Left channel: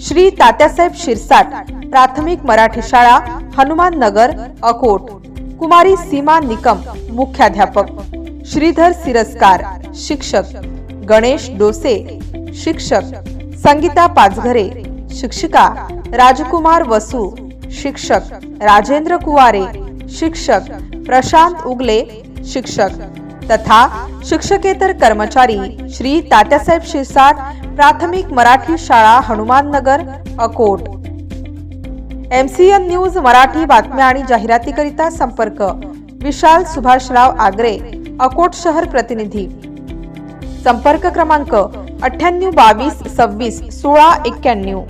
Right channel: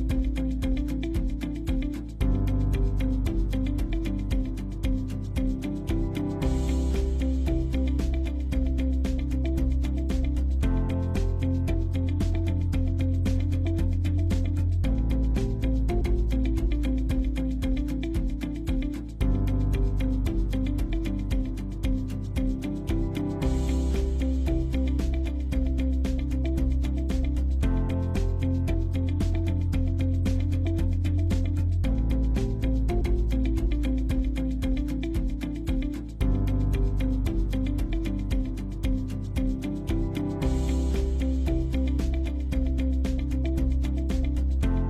श्री तात्यासाहेब शिरसाट प्राथमिक मराठी शाळा हनुमान नगर अकोट. कुमारी सीमा निकम मुख्याध्यापक. श्रीधर सिरस्कार शिक्षक. गणेश डोसे शिक्षक. संगीता पाचघरे शिक्षिका. राजकुमार वसू शिक्षक. राजेंद्र कुवारे शिक्षक. प्रशांत उगले शिक्षक. तथा शिक्षकेतर कर्मचारी श्री तात्यासाहेब शिरसाट प्राथमिक मराठी शाळा Hanumannagar Akot. M C N news Marathi बातम्या आणि जाहिरातीकरिता संपर्क. विशाल सुभाषराव आगरे अकोट शहर प्रतिनिधी. संपर्क क्रमांक अठ्ठ्याण्णव बावीस सव्वीस सोळा एक्क्याण्णव.